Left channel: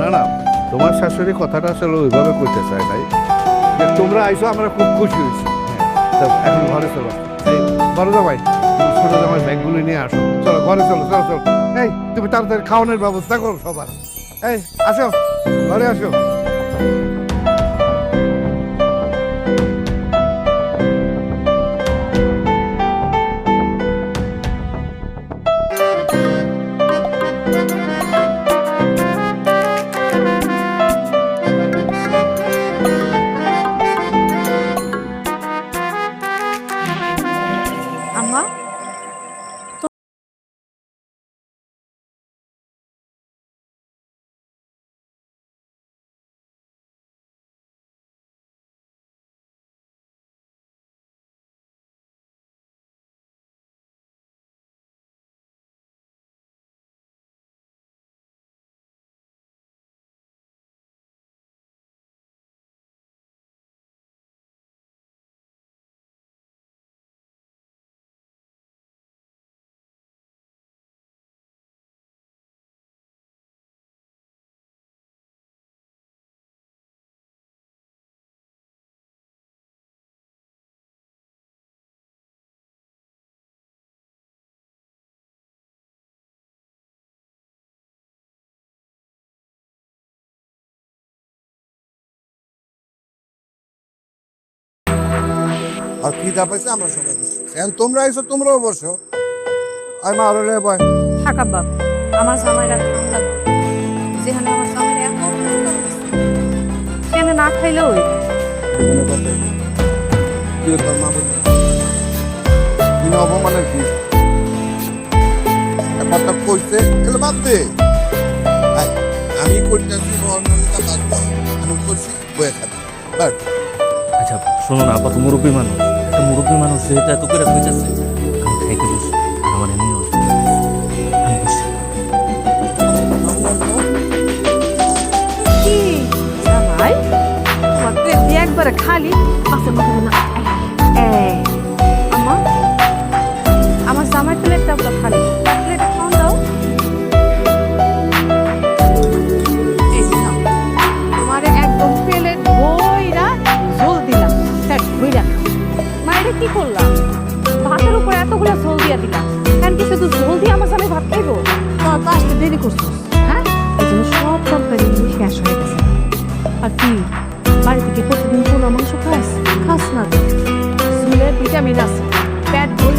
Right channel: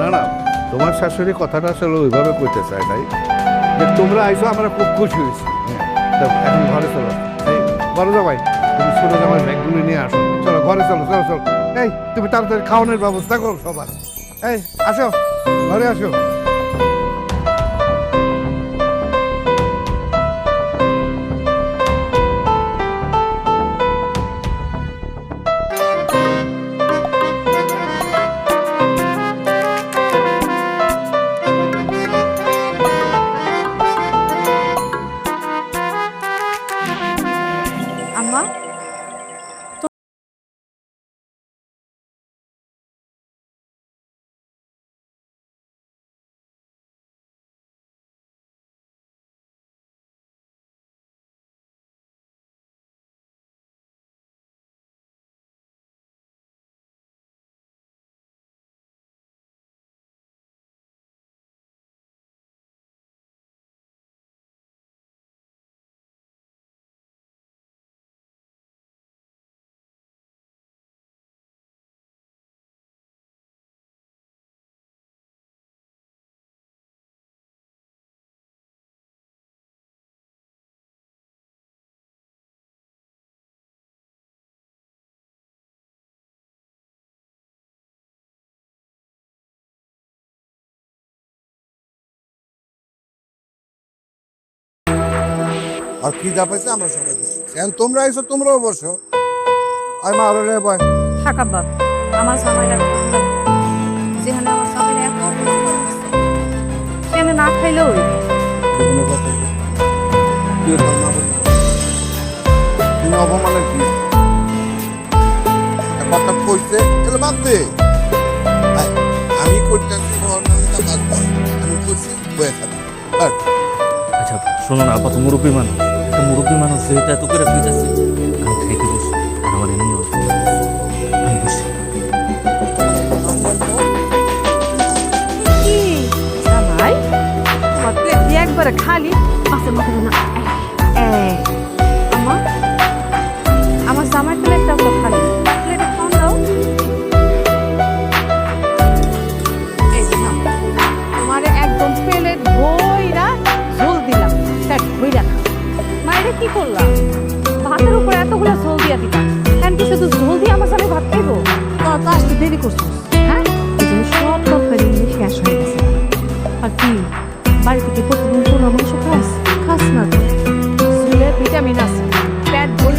না না, তোমার শাশুড়ি কথাটা আসলে ওইভাবে কইতে চায় নাই, যে তোমরা আইসো আমরা খুব খুশি হয়েছি। হ্যাঁ, তো এখন ঘরে চলো। এই বড় জামাই, তুমি ছোট জামাই ব্যাগগুলো নিয়ে আসো, চলো ঘরে চলো, চলো চলো। এই তুমি তাড়াতাড়ি খাওয়ানোর ব্যবস্থা করো সবার। এই আসো, ঘরে আসো। আম্মা আর কি যা পাইছে আমরা সবাই বুঝি। এখন তোমরা আইসো, তোমরাও বসো। আর মা আরো রে বয়। থাক আব্বা, আমার জামাইরা খাওয়া লাগবে। যেখানে আমার জামাইরা এত অপমান করা হচ্ছে, সেখানে না খাইলেও জীবনে কথা কি তোর মা বললেন বিনা অপমানের কি কথা কইছে এগুলো বাদ দে। আয়, আমি করতেছি বর্ণালিকা বাঁচবো, আমি করছি বয়ে খাবি বাট। আচ্ছা শোনো না, আপাতত মুরব্বী মানুষ, একটা মুরব্বী মানুষ যেহেতু এত করে বুঝতেছে, আমি খাইতে বসি, আমার এমনি অল্প আমি বসি। কি জামাই আমার প্লেট দিয়ে একবারে খালি মাছের মাথা না। আম্মা, আমার জামাই প্লেটটা তো খালি, প্লেটে খাওয়ান দাও। এই যে নাও, তোমারে একদম প্লেট বইরা ঝোল দিলাম, পেট বইরা। মায়েরে কি করলাম, ভাতের উপরে এতগুলো ঝোল দিয়া দিলাম, কেন কি শুধু ঝোল দিয়ে আমার জামাই ভাত খাইবো? তোরা তো আসতে দেরি করছিস, হ্যাঁ? এই জন্য সব তরকারি শেষ হয়ে গেছে। আর কি বাড়ি থেকে প্রতিদিন পোলা মাংস খাস? খাস না তো, চুলে ভিটামিন আছে, পেট ভরে